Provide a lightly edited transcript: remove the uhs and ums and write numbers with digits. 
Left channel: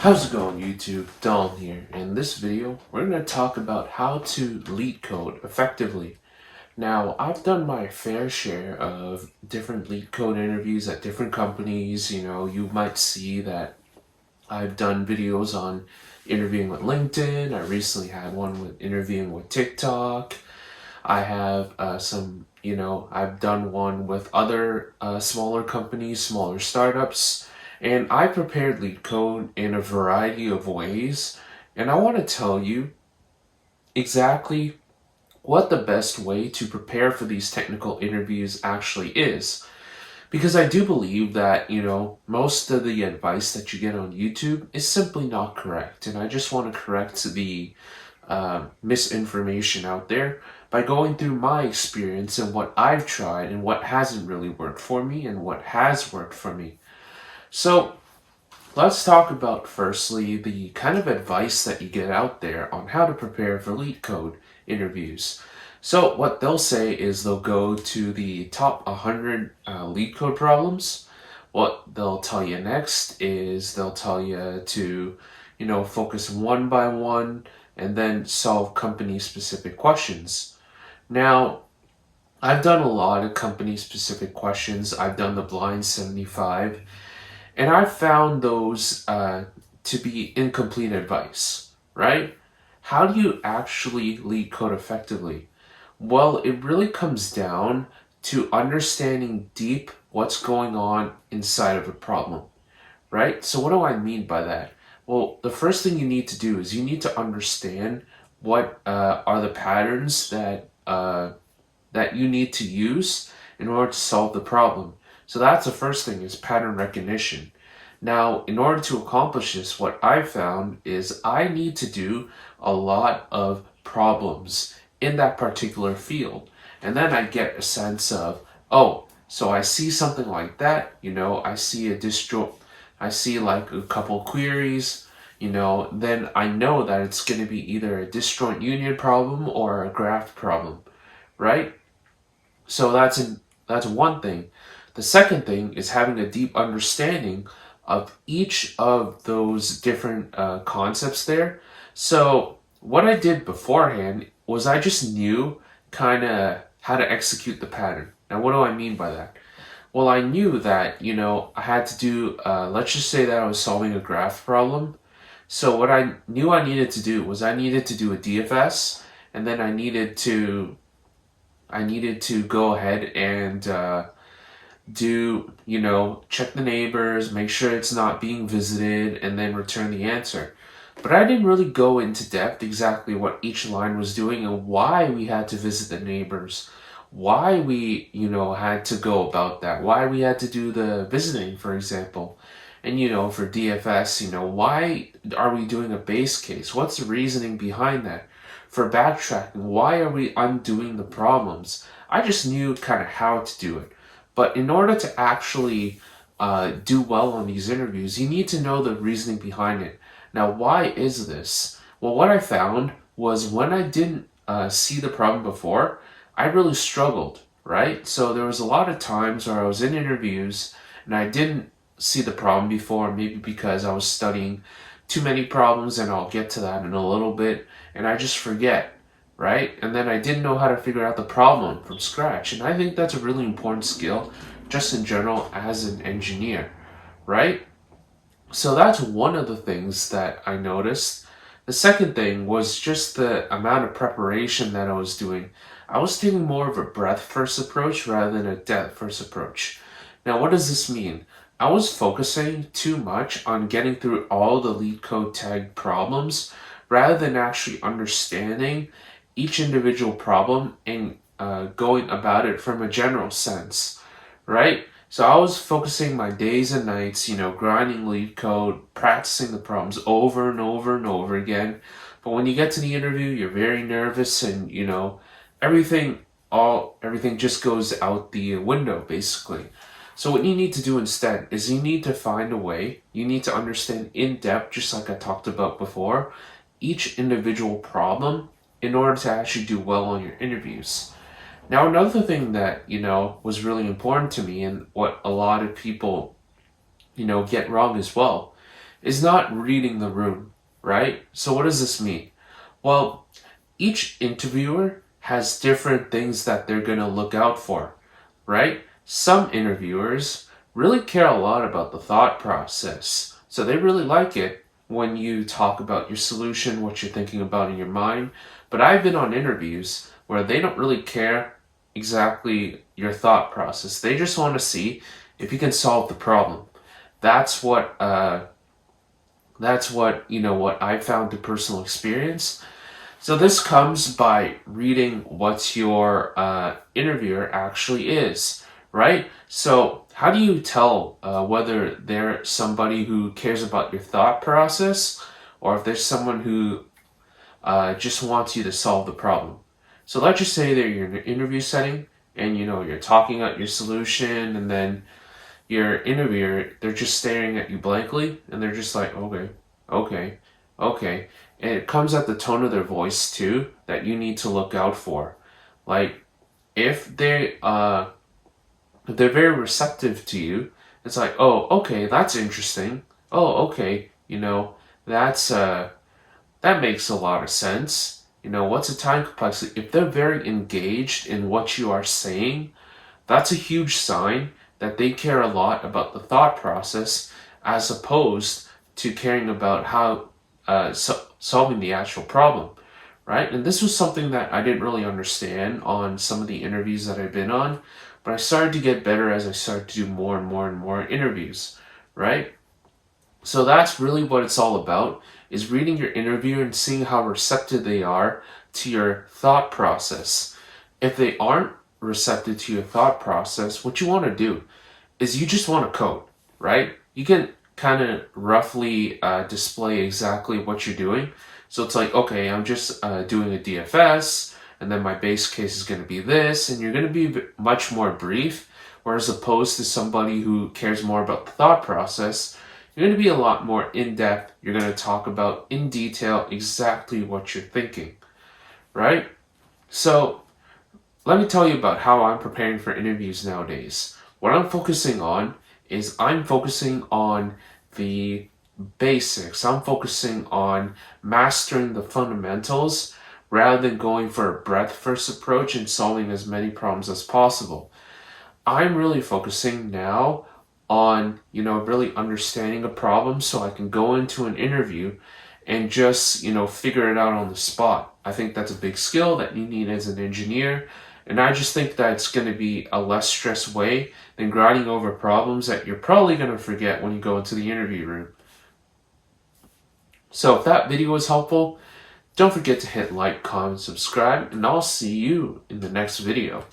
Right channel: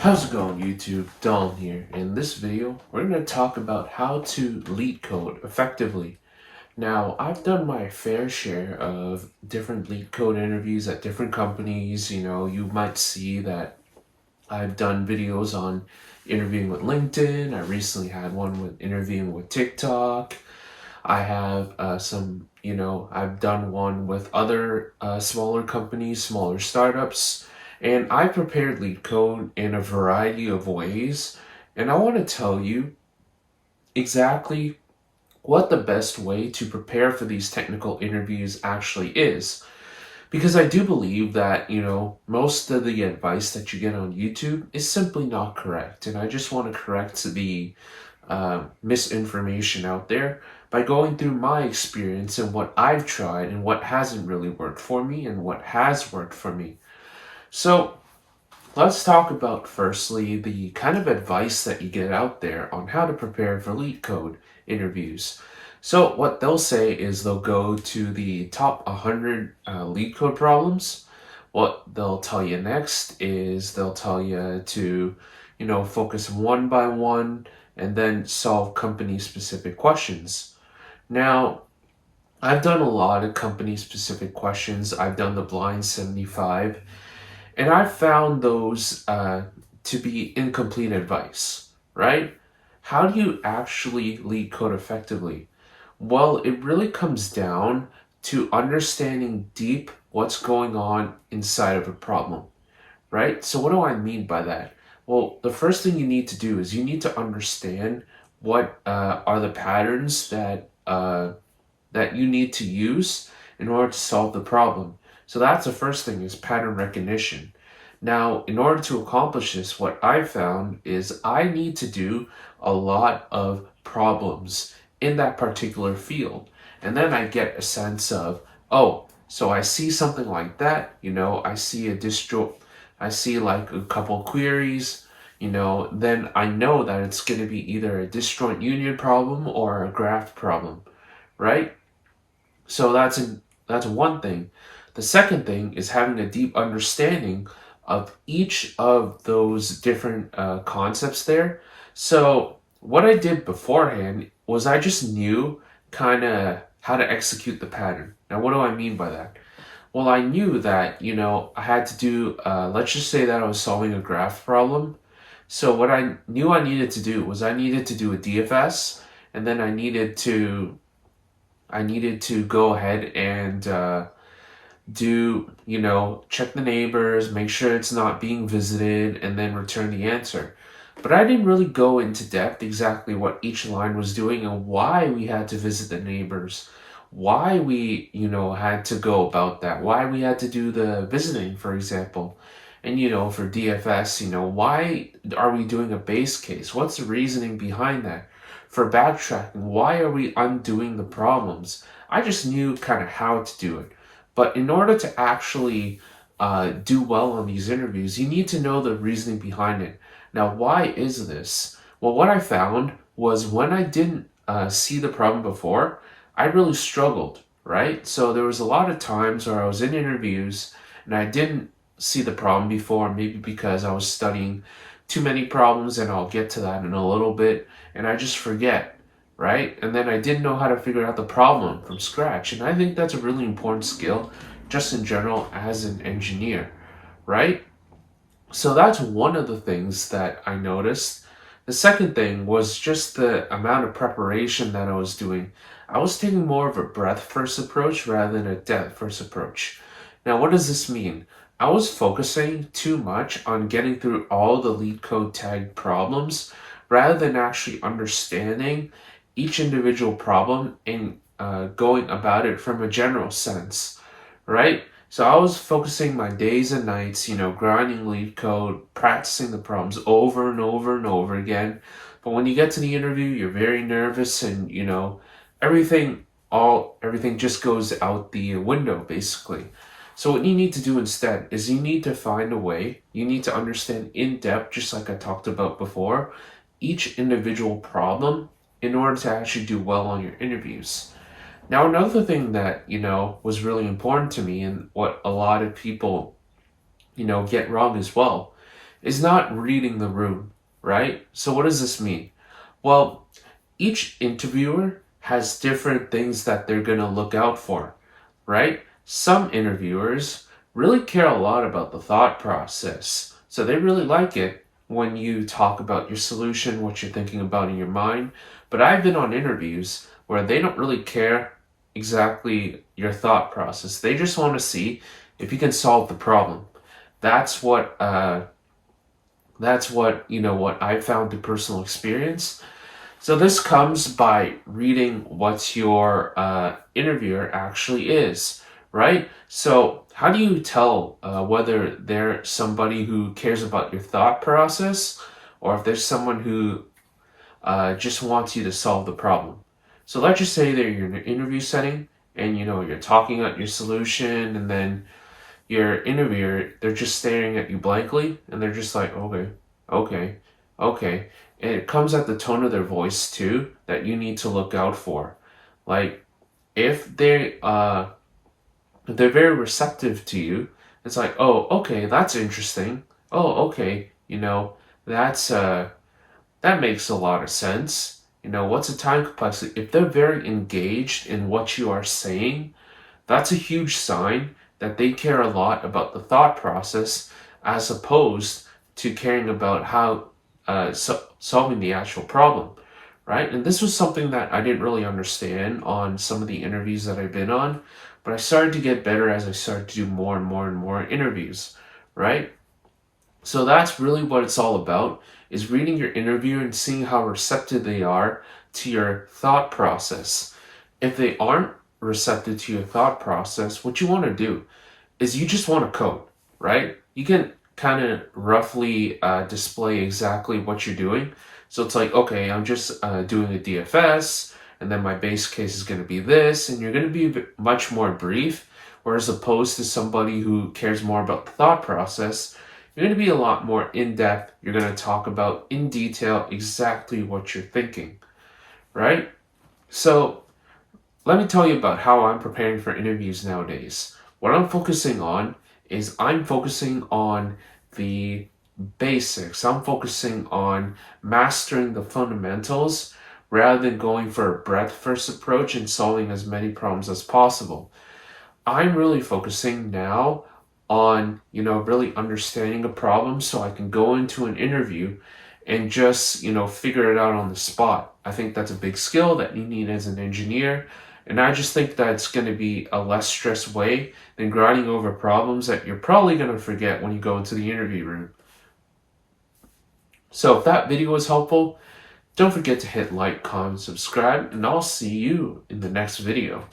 How's it going, YouTube? Dom here. In this video, we're going to talk about how to lead code effectively. Now, I've done my fair share of different lead code interviews at different companies. You might see that I've done videos on interviewing with LinkedIn. I recently had one with interviewing with TikTok. I have I've done one with other smaller companies, smaller startups, and I prepared lead code in a variety of ways. And I want to tell you exactly what the best way to prepare for these technical interviews actually is. Because I do believe that, most of the advice that you get on YouTube is simply not correct. And I just want to correct the misinformation out there by going through my experience and what I've tried and what hasn't really worked for me and what has worked for me. So let's talk about firstly the kind of advice that you get out there on how to prepare for lead code interviews. So what they'll say is they'll go to the top 100 lead code problems. What they'll tell you next is they'll tell you to, focus one by one and then solve company specific questions. Now, I've done a lot of company specific questions. I've done the blind 75, and I've found those to be incomplete advice, right? How do you actually lead code effectively? Well, it really comes down to understanding deep what's going on inside of a problem, right? So what do I mean by that? Well, the first thing you need to do is you need to understand what are the patterns that you need to use in order to solve the problem. So that's the first thing, is pattern recognition. Now, in order to accomplish this, what I found is I need to do a lot of problems in that particular field. And then I get a sense of, oh, so I see something like that, I see like a couple queries, then I know that it's going to be either a disjoint union problem or a graph problem, right? So that's one thing. The second thing is having a deep understanding of each of those different concepts there. So what I did beforehand was I just knew kind of how to execute the pattern. Now, what do I mean by that? Well, I knew that, I had to do, let's just say that I was solving a graph problem. So what I knew I needed to do was I needed to do a DFS, and then I needed to go ahead and check the neighbors, make sure it's not being visited, and then return the answer. But I didn't really go into depth exactly what each line was doing and why we had to visit the neighbors, why we, had to go about that, why we had to do the visiting, for example. And, for DFS, why are we doing a base case? What's the reasoning behind that? For backtracking, why are we undoing the problems? I just knew kind of how to do it. But in order to actually do well on these interviews, you need to know the reasoning behind it. Now, why is this? Well, what I found was when I didn't see the problem before, I really struggled, right? So there was a lot of times where I was in interviews and I didn't see the problem before, maybe because I was studying too many problems, and I'll get to that in a little bit, and I just forget, right? And then I didn't know how to figure out the problem from scratch. And I think that's a really important skill just in general as an engineer, right? So that's one of the things that I noticed. The second thing was just the amount of preparation that I was doing. I was taking more of a breadth first approach rather than a depth first approach. Now, what does this mean? I was focusing too much on getting through all the lead code tag problems rather than actually understanding each individual problem and going about it from a general sense, right? So I was focusing my days and nights, grinding lead code, practicing the problems over and over and over again. But when you get to the interview, you're very nervous, and everything everything just goes out the window basically. So what you need to do instead is you need to find a way, you need to understand in depth, just like I talked about before, each individual problem in order to actually do well on your interviews. Now, another thing that, was really important to me, and what a lot of people, get wrong as well, is not reading the room, right? So what does this mean? Well, each interviewer has different things that they're going to look out for, right? Some interviewers really care a lot about the thought process. So they really like it when you talk about your solution, what you're thinking about in your mind. But I've been on interviews where they don't really care exactly your thought process. They just want to see if you can solve the problem. That's what what I found through personal experience. So this comes by reading what your interviewer actually is, right? So how do you tell whether they're somebody who cares about your thought process, or if there's someone who just wants you to solve the problem? So let's just say that you're in an interview setting and you're talking out your solution, and then your interviewer, they're just staring at you blankly, and they're just like, okay, okay, okay. And it comes at the tone of their voice too that you need to look out for. Like if they're very receptive to you, it's like, oh, okay, that's interesting. Oh, okay, that's that makes a lot of sense. What's a time complexity? If they're very engaged in what you are saying, that's a huge sign that they care a lot about the thought process, as opposed to caring about how solving the actual problem, right? And this was something that I didn't really understand on some of the interviews that I've been on, but I started to get better as I started to do more and more and more interviews, right? So that's really what it's all about, is reading your interviewer and seeing how receptive they are to your thought process. If they aren't receptive to your thought process, what you want to do is you just want to code, right? You can kind of roughly display exactly what you're doing. So it's like, okay, I'm just doing a DFS, and then my base case is going to be this, and you're going to be much more brief, whereas opposed to somebody who cares more about the thought process, you're going to be a lot more in-depth. You're going to talk about in detail exactly what you're thinking, right? So let me tell you about how I'm preparing for interviews nowadays. What I'm focusing on is I'm focusing on the basics. I'm focusing on mastering the fundamentals rather than going for a breadth first approach and solving as many problems as possible. I'm really focusing now on, really understanding a problem so I can go into an interview and just, figure it out on the spot. I think that's a big skill that you need as an engineer. And I just think that it's going to be a less stressed way than grinding over problems that you're probably going to forget when you go into the interview room. So if that video was helpful, don't forget to hit like, comment, subscribe, and I'll see you in the next video.